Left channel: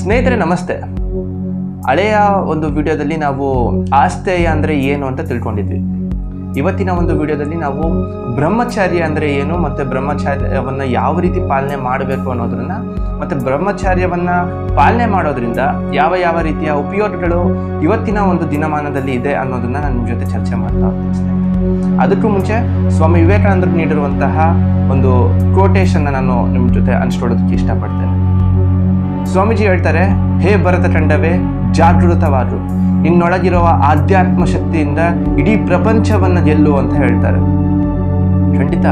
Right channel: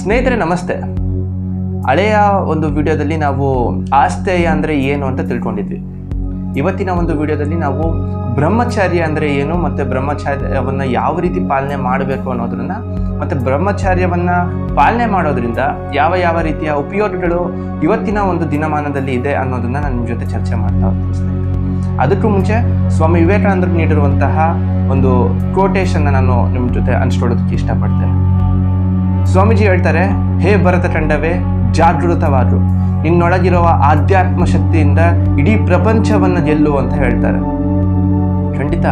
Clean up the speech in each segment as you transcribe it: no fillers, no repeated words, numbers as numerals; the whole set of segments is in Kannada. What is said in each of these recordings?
ಸ್ನೇಹಿತರೆ ನಮಸ್ತೆ. ಹಳೆಯ ಒಂದು ವಿಡಿಯೋದಲ್ಲಿ ನಾವು ಆಸ್ತೇಯ ಅಂದರೆ ಏನು ಅಂತ ತಿಳ್ಕೊಂಡಿದ್ವಿ. ಇವತ್ತಿನ ಒಂದು ವಿಡಿಯೋದಲ್ಲಿ ನಾವು ಬ್ರಹ್ಮಚಾರ್ಯ ಅಂದರೆ ಏನು ಮತ್ತು ಬ್ರಹ್ಮಚಾರ್ಯವನ್ನು ಯಾವ ರೀತಿ ಪಾಲನೆ ಮಾಡಬೇಕು ಅನ್ನೋದನ್ನ ಮತ್ತು ಬ್ರಹ್ಮಚಾರ್ಯವನ್ನು ಪಾಲನೆ ಮಾಡೋದ್ರಿಂದ ಯಾವ ಯಾವ ರೀತಿಯ ಉಪಯೋಗಗಳು ಇವತ್ತಿನ ಒಂದು ದಿನಮಾನದಲ್ಲಿ ಇದೆ ಅನ್ನೋದನ್ನ ನಾನು ನಿಮ್ಮ ಜೊತೆ ಚರ್ಚೆ ಮಾಡ್ತಾ ಹೋಗ್ತೀನಿ ಸ್ನೇಹಿತರೆ. ಅದಕ್ಕೂ ಮುಂಚೆ ಸ್ವಾಮಿ ವಿವೇಕಾನಂದರು ನೀಡಿರುವಂತಹ ಒಂದು ಕೋಟೇಶನ್ನ ನಾನು ನಿಮ್ಮ ಜೊತೆ ಹಂಚ್ಕೊಳ್ಳೋದಕ್ಕೆ ಇಷ್ಟಪಡ್ತೇನೆ. ಸ್ವಾಮೀಜಿ ಹೇಳ್ತಾರೆ, ಹೇ ಭರತ ಖಂಡವೇ ಜಾಗೃತವಾದ್ರು, ನಿನ್ನೊಳಗಿರುವ ಆಧ್ಯಾತ್ಮ ಶಕ್ತಿಯಿಂದ ಇಡೀ ಪ್ರಪಂಚವನ್ನು ಗೆಲ್ಲು ಅಂತ ಹೇಳ್ತಾರೆ. ಖಂಡಿತ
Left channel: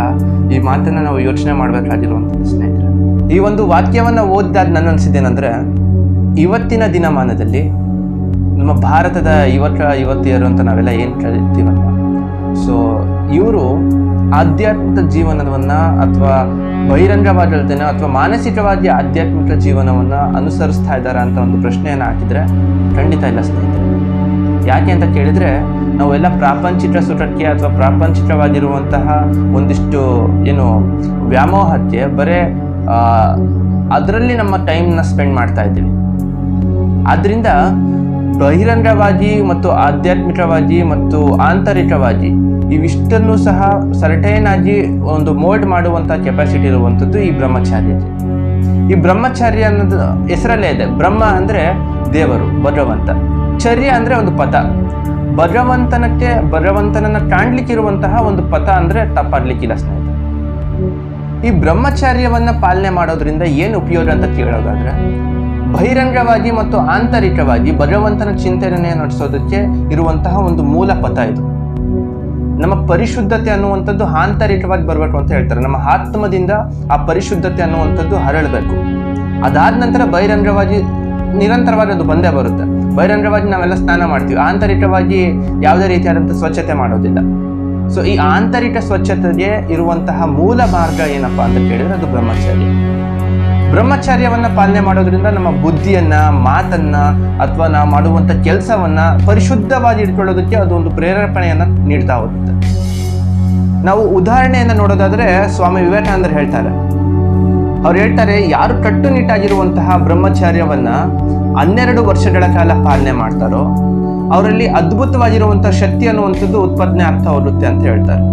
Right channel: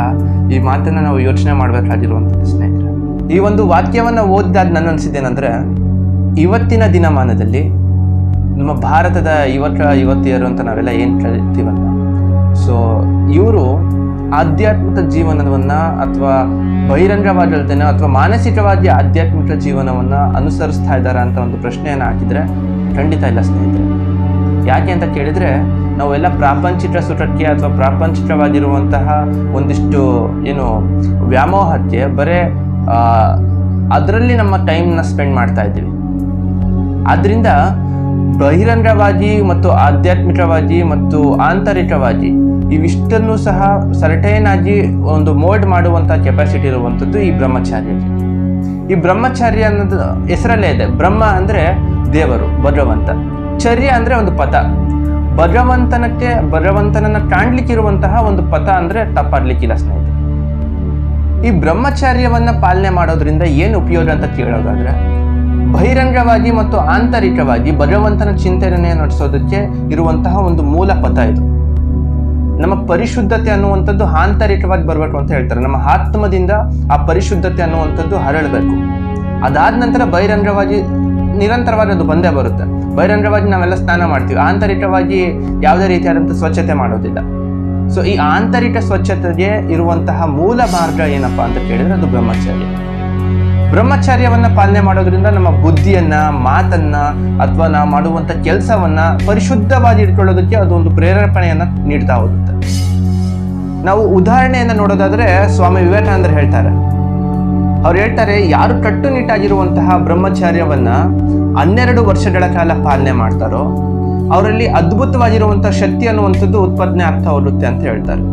ಈ ಮಾತನ್ನ ನಾವು ಯೋಚನೆ ಮಾಡಬೇಕಾಗಿರುವಂಥದ್ದು ಸ್ನೇಹಿತರೆ. ಈ ಒಂದು ವಾಕ್ಯವನ್ನು ಓದಿದಾಗ ನನ್ನ ಅನಿಸಿದ್ದೇನೆಂದ್ರೆ, ಇವತ್ತಿನ ದಿನಮಾನದಲ್ಲಿ ನಮ್ಮ ಭಾರತದ ಯುವತಿಯರು ಅಂತ ನಾವೆಲ್ಲ ಏನು ಕರಿತೀವಲ್ಲ, ಸೊ ಇವರು ಆಧ್ಯಾತ್ಮಿಕ ಜೀವನವನ್ನು ಅಥವಾ ಬಹಿರಂಗವಾದಲ್ದೇನೆ ಅಥವಾ ಮಾನಸಿಕವಾಗಿ ಆಧ್ಯಾತ್ಮಿಕ ಜೀವನವನ್ನು ಅನುಸರಿಸ್ತಾ ಇದ್ದಾರೆ ಅಂತ ಒಂದು ಪ್ರಶ್ನೆಯನ್ನು ಹಾಕಿದರೆ ಖಂಡಿತ ಇಲ್ಲ ಸ್ನೇಹಿತರೆ. ಯಾಕೆ ಅಂತ ಕೇಳಿದರೆ, ನಾವೆಲ್ಲ ಪ್ರಾಪಂಚಿಕ ಸುಖಕ್ಕೆ ಅಥವಾ ಪ್ರಾಪಂಚಿಕವಾಗಿರುವಂತಹ ಒಂದಿಷ್ಟು ಏನು ವ್ಯಾಮೋಹಕ್ಕೆ ಬರೇ ಅದರಲ್ಲಿ ನಮ್ಮ ಟೈಮ್ನ ಸ್ಪೆಂಡ್ ಮಾಡ್ತಾ ಇದ್ದೀವಿ. ಆದ್ದರಿಂದ ಬಹಿರಂಗವಾಗಿ ಮತ್ತು ಆಧ್ಯಾತ್ಮಿಕವಾಗಿ ಮತ್ತು ಆಂತರಿಕವಾಗಿ ಇವಿಷ್ಟನ್ನು ಸಹ ಸರ್ಟೈನ್ ಆಗಿ ಒಂದು ಮೋಲ್ಡ್ ಮಾಡುವಂಥ ಕೆಪಾಸಿಟಿ ಇರುವಂಥದ್ದು ಈ ಬ್ರಹ್ಮಚಾರ್ಯಕ್ಕೆ. ಈ ಬ್ರಹ್ಮಚಾರ್ಯ ಅನ್ನೋದು ಹೆಸರಲ್ಲೇ ಇದೆ. ಬ್ರಹ್ಮ ಅಂದರೆ ದೇವರು, ಭಗವಂತ. ಚರ್ಯ ಅಂದರೆ ಒಂದು ಪಥ. ಭಗವಂತನನ್ನು ಕಾಣ್ಲಿಕ್ಕಿರುವಂತಹ ಒಂದು ಪಥ ಅಂದರೆ ತಪ್ಪಾಡ್ಲಿಕ್ಕಿಲ್ಲ ಸ್ನೇಹಿತರೆ. ಈ ಬ್ರಹ್ಮಚಾರ್ಯವನ್ನು ಪಾಲನೆ ಮಾಡೋದ್ರಿಂದ ಏನು ಉಪಯೋಗ ಅಂತ ಕೇಳೋದಾದ್ರೆ, ಬಹಿರಂಗವಾಗಿ ಮತ್ತು ಆಂತರಿಕವಾಗಿ ಭಗವಂತನ ಚಿಂತನೆ ನಡೆಸೋದಕ್ಕೆ ಇರುವಂತಹ ಒಂದು ಮೂಲ ಪಥ ಇದು. ನಮ್ಮ ಪರಿಶುದ್ಧತೆ ಅನ್ನುವಂಥದ್ದು ಆಂತರಿಕವಾಗಿ ಬರಬೇಕು ಅಂತ ಹೇಳ್ತಾರೆ. ನಮ್ಮ ಆತ್ಮದಿಂದ ಆ ಪರಿಶುದ್ಧತೆ ಅನ್ನುವಂಥದ್ದು ಹರಳಬೇಕು. ಅದಾದ ನಂತರ ಬಹಿರಂಗವಾಗಿ ನಿರಂತರವಾಗಿ ಅದು ಬಂದೇ ಬರುತ್ತೆ. ಬಹಿರಂಗವಾಗಿ ನಾವೆಲ್ಲ ಸ್ನಾನ ಮಾಡ್ತೀವಿ, ಆಂತರಿಕವಾಗಿ ಯಾವುದೇ ರೀತಿಯಾದಂಥ ಸ್ವಚ್ಛತೆ ಮಾಡೋದಿಲ್ಲ. ಸೊ ಈ ಆಂತರಿಕ ಸ್ವಚ್ಛತೆಗೆ ಇರುವಂತಹ ಮೂಲ ಮಾರ್ಗ ಏನಪ್ಪಾ ಅಂತ ಕೇಳಿದ್ರೆ ಅದು ಬ್ರಹ್ಮಚಾರ್ಯ. ಬ್ರಹ್ಮಚಾರ್ಯವನ್ನ ಪಾಲನೆ ಮಾಡೋದ್ರಿಂದ ನಮ್ಮ ಬುದ್ಧಿಯನ್ನ, ಮಾತನ್ನ ಅಥವಾ ನಾವು ಮಾಡುವಂಥ ಕೆಲಸವನ್ನ ಪರಿಶುದ್ಧವಾಗಿ ಇಟ್ಕೊಳ್ಳೋದಕ್ಕೆ ಅದು ಒಂದು ಪ್ರೇರೇಪಣೆಯನ್ನ ನೀಡ್ತಾ ಹೋಗುತ್ತೆ. ನಾವು ಉದಾಹರಣೆಯನ್ನ ನೋಡೋದಾದ್ರೆ, ಸ್ವಾಮಿ ವಿವೇಕಾನಂದರು ಹೇಳ್ತಾರೆ, ಅವ್ರು ಹೇಳ್ತಾರೆ, ಯಾರು ಕಟ್ಟುನಿಟ್ಟಾಗಿರುವಂತಹ ಬ್ರಹ್ಮಚಾರ್ಯವನ್ನ 12 ವರ್ಷಗಳ ಕಾಲ ಪಾಲನೆ ಮಾಡ್ತಾರೋ ಅವರಲ್ಲಿ ಅದ್ಭುತವಾಗಿರುವಂತಹ ಶಕ್ತಿ ಅನ್ನುವಂಥದ್ದು ಉತ್ಪಾದನೆ ಆಗ್ತಾ ಹೋಗುತ್ತೆ ಅಂತ ಹೇಳ್ತಾರೆ.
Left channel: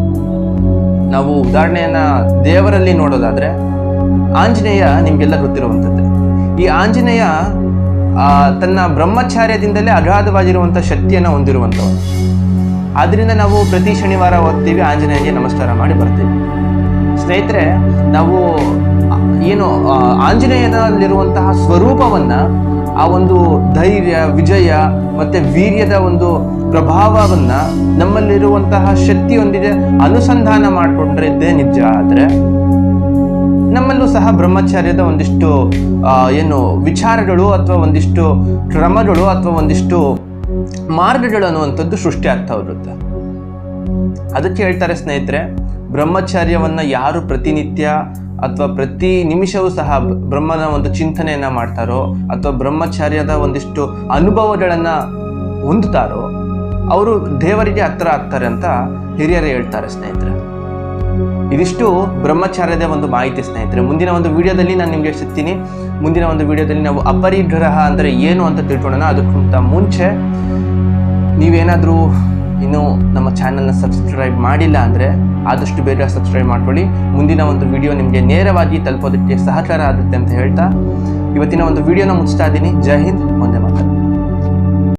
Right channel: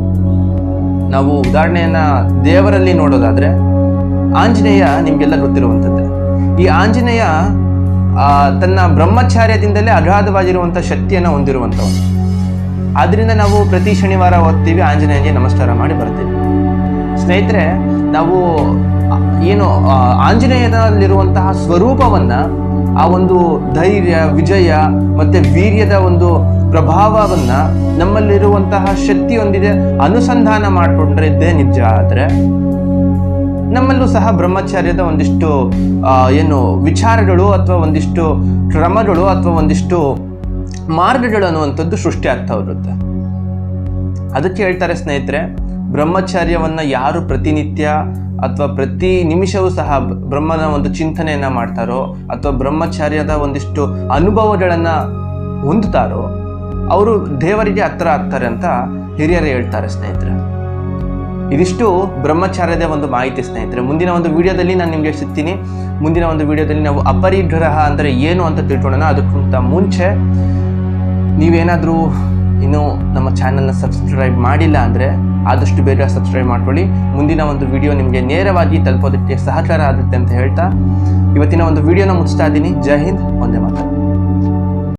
ನಾವು ಉದಾಹರಣೆಯನ್ನ ದೇವರಲ್ಲಿ ನೋಡೋದಾದ್ರೆ, ಆಂಜನೇಯ ನಿಮ್ಗೆಲ್ಲ ಗೊತ್ತಿರುವಂಥದ್ದೇ. ಈ ಆಂಜನೇಯ ತನ್ನ ಬ್ರಹ್ಮಚಾರ್ಯದಿಂದಲೇ ಅಗಾಧವಾಗಿರುವಂಥ ಶಕ್ತಿಯನ್ನು ಹೊಂದಿರುವಂಥವನು. ಆದ್ರಿಂದ ನಾವು ಪ್ರತಿ ಶನಿವಾರ ಓದ್ತೀವಿ, ಆಂಜನೇಯನಿಗೆ ನಮಸ್ಕಾರ ಮಾಡಿ ಬರ್ತೀವಿ. ಸ್ನೇಹಿತರೆ, ನಾವು ಏನು ಆಂಜನೇಯನಲ್ಲಿರುವಂತಹ ಸ್ವರೂಪವನ್ನ, ಆ ಒಂದು ಧೈರ್ಯ, ವಿಜಯ ಮತ್ತೆ ವೀರ್ಯದ ಒಂದು ಪ್ರಭಾವವನ್ನ ನಮ್ಮಲ್ಲಿರುವಂತಹ ಶಕ್ತಿಯೊಂದಿಗೆ ಅನುಸಂಧಾನ ಮಾಡಿಕೊಂಡ್ರೆ ಇದ್ದೇ ನಿಜ. ಆದ್ರೆ ನಮ್ಮಲ್ಲೂ ಸಹ ಬ್ರಹ್ಮಚಾರ್ಯದ ಒಂದಿಷ್ಟು ಏನು ವಿಚಾರಗಳು ಅಥವಾ ಒಂದಿಷ್ಟು ಕ್ರಮಗಳು ಅಥವಾ ಒಂದಿಷ್ಟು ಮಾರ್ಗಗಳು ಅನ್ನುವಂಥದ್ದು ಸೃಷ್ಟಿ ಆಗ್ತಾ ಇರುತ್ತೆ. ಅದಕ್ಕೆ ಹೇಳ್ತಾರೆ ಸ್ನೇಹಿತರೆ, ಬ್ರಹ್ಮಚಾರ್ಯವನ್ನ ಯಾರು ಪ್ರತಿನಿತ್ಯ ಅಥವಾ ಪ್ರತಿ ನಿಮಿಷವೂ ಸಹ ಬ್ರಹ್ಮನ ಒಂದು ಚಿಂತನೆಯನ್ನ ಮಾಡ್ತಾರೋ ಅಥವಾ ಬ್ರಹ್ಮಚಾರ್ಯದ ಒಂದಿಷ್ಟು ಅನುಭವಗಳನ್ನ ಹೊಂದುತ್ತಾರೋ ಅವರು ದೇವರಿಗೆ ಹತ್ರ ಆಗ್ತಾರೆ ಅಂತ ಹಿರಿಯರೇ ಹೇಳ್ತಾರೆ ಸ್ನೇಹಿತರೆ. ಇದಿಷ್ಟು ಬ್ರಹ್ಮಚಾರ್ಯದ ಒಂದು ಮಾಹಿತಿ ಸ್ನೇಹಿತರೆ. ಮುಂದಿನ ಒಂದು ವಿಡಿಯೋದಲ್ಲಿ ನಾನು ನಿಮಗೆ ಸಿಗ್ತೀನಿ. ಮುಂದಿನ ಒಂದು ವಿಡಿಯೋದಲ್ಲಿ ನಾವು ಅಪರಿಗ್ರಹ ಅಂದರೆ ಏನು ಅಂತ ತಿಳ್ಕೊಳ್ಳೋಣ. ಅದಕ್ಕಿಂತ ಮುಂಚೆ ನೀವೇನಾದರೂ ಇನ್ನೂ ನಮ್ಮ ಚಾನಲ್ನ ಸಬ್ಸ್ಕ್ರೈಬ್ ಮಾಡಿಲ್ಲ ಅಂದರೆ ಆದಷ್ಟು ಬೇಗ ಸಬ್ಸ್ಕ್ರೈಬ್ ಮಾಡ್ಕೊಳ್ಳಿ. ಮುಂದಿನ ಒಂದು ವಿಡಿಯೋ ನಿಮಗೆ ನೇರವಾಗಿ ತಲುಪೋದಕ್ಕೆ ಸಹಕಾರ ಆಗುತ್ತೆ ಅಂತ ಹೇಳ್ತಾ ಇವತ್ತಿನ ಒಂದು ವಿಡಿಯೋನ ಮುಗಿಸ್ತಾ ಇದ್ದೀನಿ. ಜೈ ಹಿಂದ್, ವಂದೇ ಮಾತರಂ.